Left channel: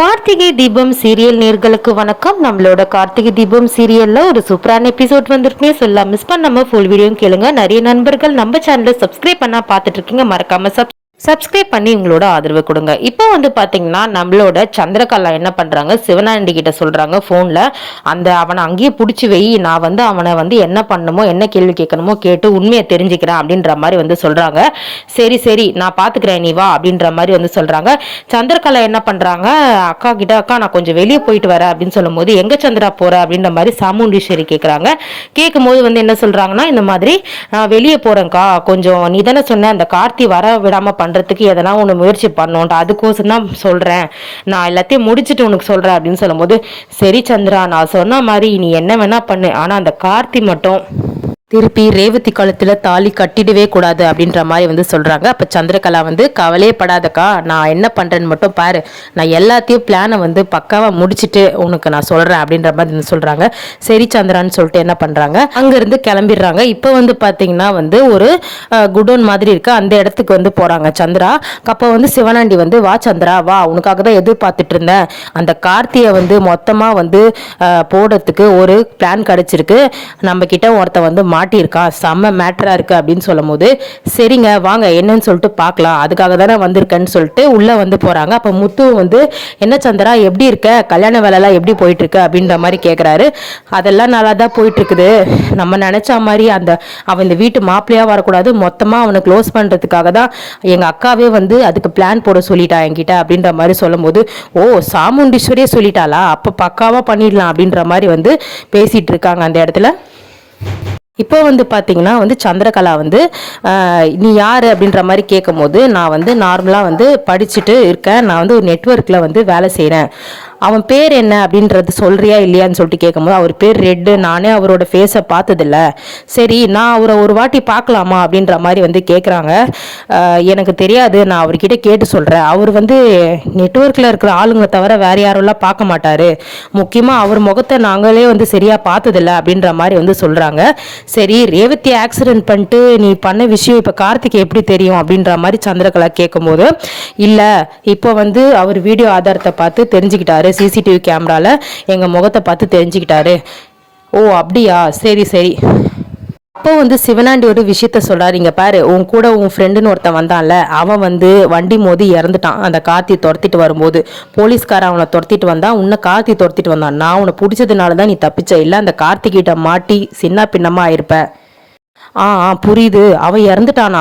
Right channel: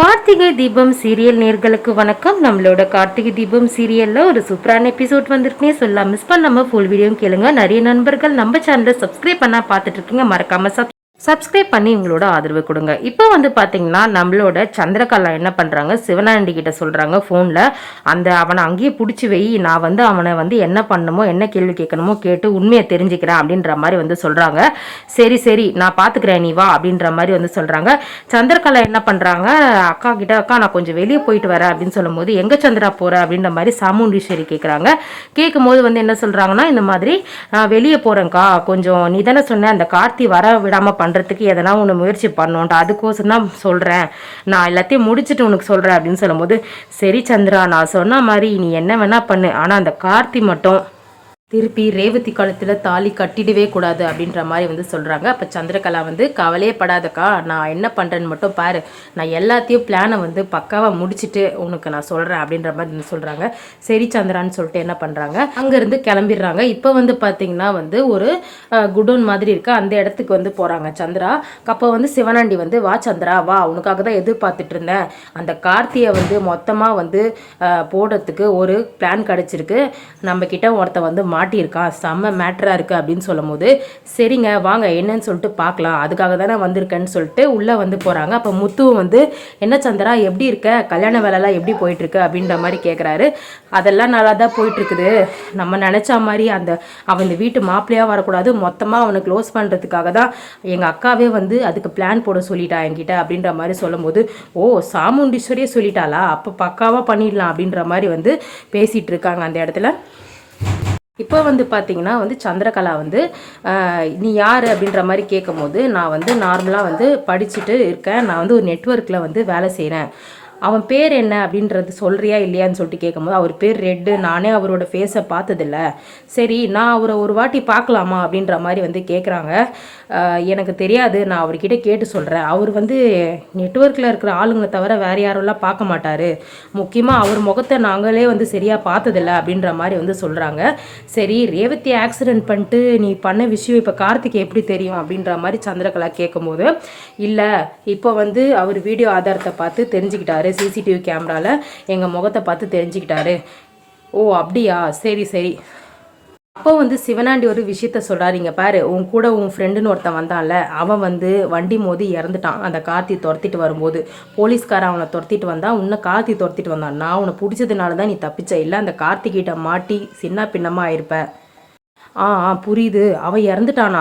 Karthigai Deepam serial நேர்களுக்கு வணக்கம். நம்மளோட கார்த்திகை தீபம் சீரியல்ல ஒரு சூப்பரான எபிசோட் வந்திருக்கேன். சொல்லலாம் மிஸ் பண்ணாம ஃபுல் வீடியோ கேளுங்க. நிறைய நண்பர்கள் நம்ம சேனலை சப்ஸ்கிரைப் பண்ணா பார்த்துட்டு இருக்கீங்க. மறக்காம சப்ஸ்கிரைப் பண்ணி உங்களோட ஆதரவு கொடுங்க. இப்போ வந்து பார்த்தீங்கன்னா நம்மளோட சந்திரகலா என்ன பண்ணுறாங்க, சிவனாண்டி கிட்ட சொல்கிறாங்க ஃபோனில், அவனை அங்கேயே பிடிச்சி வை, நான் வந்து அவனை வந்து என்ன பண்ணணுமோ என்ன கேள்வி கேட்கணுமோ கேட்டு உண்மையை தெரிஞ்சுக்கிறேன் அப்படின்ற மாதிரி வந்து சொல்கிறாங்க. சரி சரி நான் பார்த்துக்கிறேன் நீ வா அப்படின்ற மாதிரி வந்து சொல்கிறாங்க. சந்திரகலா என்ன பண்ணுறாங்க, அக்கா கிட்ட அக்கா நான் கொஞ்சம் வெளியே போயிட்டு வரேன் அப்படின்னு சொல்லும்போது எங்கே சந்திரா போகிற அப்படின்ற மாதிரி சாமுண்டீஸ்வரி கேட்குறாங்க. கேட்கும்போது வந்து என்ன சொல்கிறாங்கன்னா, இந்த மாதிரி நான் வெளியே போகிறேன்க்கா, கொஞ்சம் நீ தானே சொன்ன அந்த கார்த்தி வர விடாமல் பண்ணுறதுக்கு எதனா ஒன்று முயற்சி பண்ணோன்ட்டு, அதுக்கோசம் தான் சொல்கிறேன், நான் எல்லாத்தையும் முடிச்சுட்டு உனக்கு சொல்கிறேன் அப்படின்னு சொல்லும்போது, சரி சந்திரா நான் சொன்ன மாதிரி நீ என்ன வேணா பண்ணு, ஆனால் அந்த கார்த்தி மட்டும் திருப்பி ரேவதி காலத்தில் தாலி கட்டிடவே கூடாது அப்படின்ற மாதிரி வந்து சொல்கிறாங்க. அப்போ சந்திரகலா வந்து கவலையே படாதக்கா, நான் என்ன பண்ணுறேன்னு மட்டும் பாரு, நான் எல்லாத்தையும் பிளானை வந்து பக்காவாக முடிச்சுட்டு உனக்கு நான் சொல்கிறேன் அப்படின்ற மாதிரி வந்து சொல்கிறாங்க. சரி சந்திரான்னு சொல்லிட்டு என்ன பண்ணுறாங்க, அங்கேருந்து கிளம்பிடுறாங்க. இப்போ வந்து பார்த்தீங்கன்னா வந்து ஒரு குடோன் மாதிரி இருக்கு, அந்த இடத்துக்கு வந்து போகிறாங்க சந்திரா. அப்போ வந்து சிவனாண்டி வந்து வா சந்திரா வா, உனக்காக தான் எதிர்பார்த்துட்டு இருந்தேன், அந்த கார்த்தியை வந்து மொத்தமாக வந்து போடுறதுக்கு ஒரு பிளான் கிடச்சிருக்கு, நம்ம கிட்ட ஒருத்த வந்து மாட்டியிருக்கான், செம்ம மேட்டரா இருக்கு அப்படின்னு சொல்லும் போது, சரிங்க வாங்க என்னன்னு சொல்லிட்டு பார்க்கலாம், அதுக்காக தானே வந்திருக்கேன்னு சொல்லிட்டு உள்ள வந்து போறாங்க. அப்ப முத்து வந்து என்ன சந்திரா எப்படி இருக்க, கல்யாண வேலைலாம் எப்படி போயிட்டு இருக்கு அப்படின்ற மாதிரி கேட்குறாரு. அதெல்லாம் நல்லா தான் போயிட்டு இருக்குது, நம்ம நினைச்ச மாதிரி அவன் இந்த வீட்டு மாப்பிள்ளையா வரக்கூடாது, மொத்தமா அவனை க்ளோஸ் பண்றதுக்காக தான் எங்க அக்காவே வந்து அதுக்கு பிளான் போட சொல்லிட்டா என்கிட்ட அப்படின்ற மாதிரி சொல்லும் போது, ஓ சாமுண்டீஸ்வரியே சொல்லிட்டாளா, அப்ப பக்காவா பண்ணிடலாம் அப்படின்ற மாதிரி வந்து பேசிட்டு இருக்காங்க அந்த இடத்துல. இப்போ வந்து பார்த்தீங்கன்னா வந்து சந்திரகலா வந்து நீ யார் அப்படின்ற மாதிரி கேட்கும் போது, நான் வந்து நார்மலாக வந்து படிச்சுட்டு இருக்கேன், நான் வந்து ஒரு நெட்ஒர்க்கில் வந்து வேலை செய்கிறேன், அவன் பேர் என்ன அப்படின்றது சொல்றியா இல்லையான்னு சொல்லிட்டு கேட்கும்போது, அவர் பேர் ரெட்டு, நானே அவரோட ஃபேஸை பார்த்ததில்ல, சரி நான் அவரை ஒரு வாட்டி பார்க்கலாமா அப்படின்ற மாதிரி வந்து கேட்குறாங்க. எனக்கு தெரியாது, நான் அவர்கிட்ட கேட்டு சொல்கிறேன், அவர் வந்து நெட்ஒர்க்கில் இருக்கிற ஆளுங்களை தவிர வேறு யாரெல்லாம் பார்க்க மாட்டார், முக்கியமாக அவர் முகத்தை நாங்களே வந்து சரியாக பார்த்ததில்ல அப்படின்ற மாதிரி வந்து சொல்கிறாங்க. சரி ரேவதி ஆக்சிடென்ட் பண்ணிட்டு நீ பண்ண விஷயம் இப்போ கார்த்திக் எப்படி தெரியும் அப்படின்ற மாதிரி சந்திரகலா கேட்கும்போது, இல்லை இப்போ வந்து அவர் வீடியோ ஆதாரத்தை பார்த்து தெரிஞ்சுக்கிட்டாரு, சிசிடிவி கேமரால எங்க முகத்தை பார்த்து தெரிஞ்சுக்கிட்டாரு. ஓ அப்படியா, சரி சரி. அப்போ வந்து சிவனாண்டி ஒரு விஷயத்த சொல்றாரு, இங்க பாரு உன் கூட உன் ஃப்ரெண்டுன்னு ஒருத்தன் வந்தான்ல, அவன் வந்து வண்டி மோதி இறந்துட்டான், அந்த கார்த்தி துரத்திட்டு வரும்போது போலீஸ்காரன் அவனை துரத்திட்டு வந்தான், உன்னை கார்த்தி துரத்திட்டு வந்தான், நான் உன்னை பிடிச்சதுனால தான் நீ தப்பிச்ச, இல்லை அந்த கார்த்திகிட்ட மாட்டி சின்ன பின்னமா ஆயிருப்ப. புரியுது, அவன் இறந்துட்டானா,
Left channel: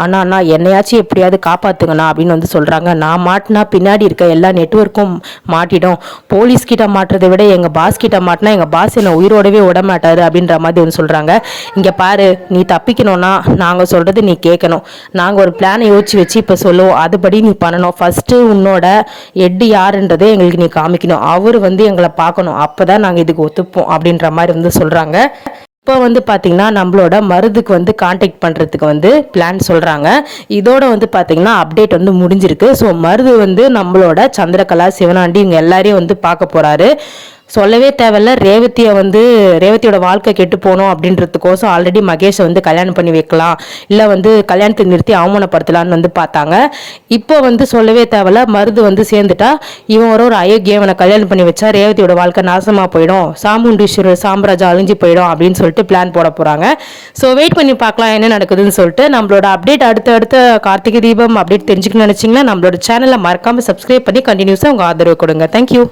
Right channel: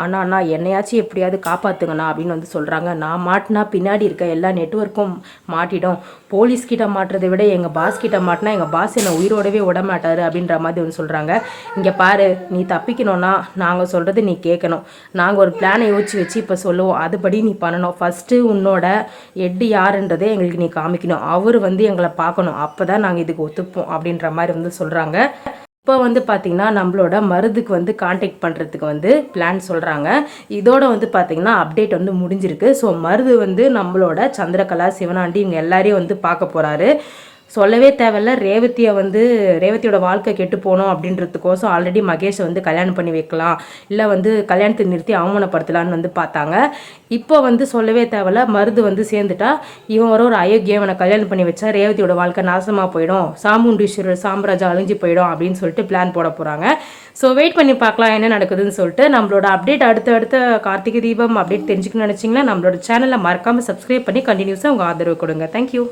ஆனா என்னையாச்சும் எப்படியாவது காப்பாத்துங்கண்ணா அப்படின்னு வந்து சொல்றாங்க. நான் மாட்டினா பின்னாடி இருக்க எல்லா நெட்வொர்க்கும் மாட்டிடும், போலீஸ் கிட்ட மாட்டுறதை விட எங்க பாஸ் கிட்ட மாட்டினா எங்க பாஸ் என்ன உயிரோடவே விட மாட்டாரு அப்படின்ற மாதிரி வந்து சொல்றாங்க. இங்க பாரு, நீ தப்பிக்கணும்னா நாங்க சொல்றது நீ கேட்கணும், நாங்க ஒரு பிளானை யோசிச்சு வச்சு இப்ப சொல்லுவோம், அதுபடி நீ பண்ணணும், ஃபர்ஸ்ட் உன்னோட எட்டு யாருன்றதை எங்களுக்கு நீ காமிக்கணும், அவரு வந்து எங்களை பார்க்கணும், அப்பதான் நாங்க இதுக்கு ஒத்துப்போம் அப்படின்ற மாதிரி வந்து சொல்றாங்க. இப்போ வந்து பார்த்தீங்கன்னா நம்மளோட மருதுக்கு வந்து கான்டாக்ட் பண்ணுறதுக்கு வந்து பிளான் சொல்கிறாங்க. இதோட வந்து பார்த்தீங்கன்னா அப்டேட் வந்து முடிஞ்சிருக்கு. ஸோ மருது வந்து நம்மளோட சந்திரகலா, சிவனாண்டி இவங்க எல்லாரையும் வந்து பார்க்க போகிறாரு. சொல்லவே தேவையில்ல, ரேவதியோட வாழ்க்கை கெட்டு போகணும் அப்படின்றதுக்கோசம் ஆல்ரெடி மகேஷை வந்து கல்யாணம் பண்ணி வைக்கலாம், இல்லை வந்து கல்யாணத்தை நிறுத்தி அவமானப்படுத்தலான்னு வந்து பார்த்தாங்க. இப்போ வந்து சொல்லவே தேவையில்ல, மருது வந்து சேர்ந்துட்டா இவன் ஒரு அயோக்கியவனை கல்யாணம் பண்ணி வச்சா ரேவதியோட வாழ்க்கை நாசமாக போயிடும், சாமுண்டீஸ்வரர் சாம்ராஜ்யம் அழிஞ்சு போயிடும் அப்படின்னு சொல்லிட்டு பிளான் போட போகிறாங்க. ஸோ வெயிட் பண்ணி பார்க்கலாம் என்ன நடக்குதுன்னு சொல்லிட்டு. நம்மளோட அப்டேட் அடுத்த கார்த்திகை தீபம் அப்டேட் தெரிஞ்சுக்கணும்னு நினச்சிங்கன்னா நம்மளோட சேனலை மறக்காமல் சப்ஸ்கிரைப் பண்ணி கண்டினியூஸாக உங்கள் ஆதரவு கொடுங்க. தேங்க்யூ.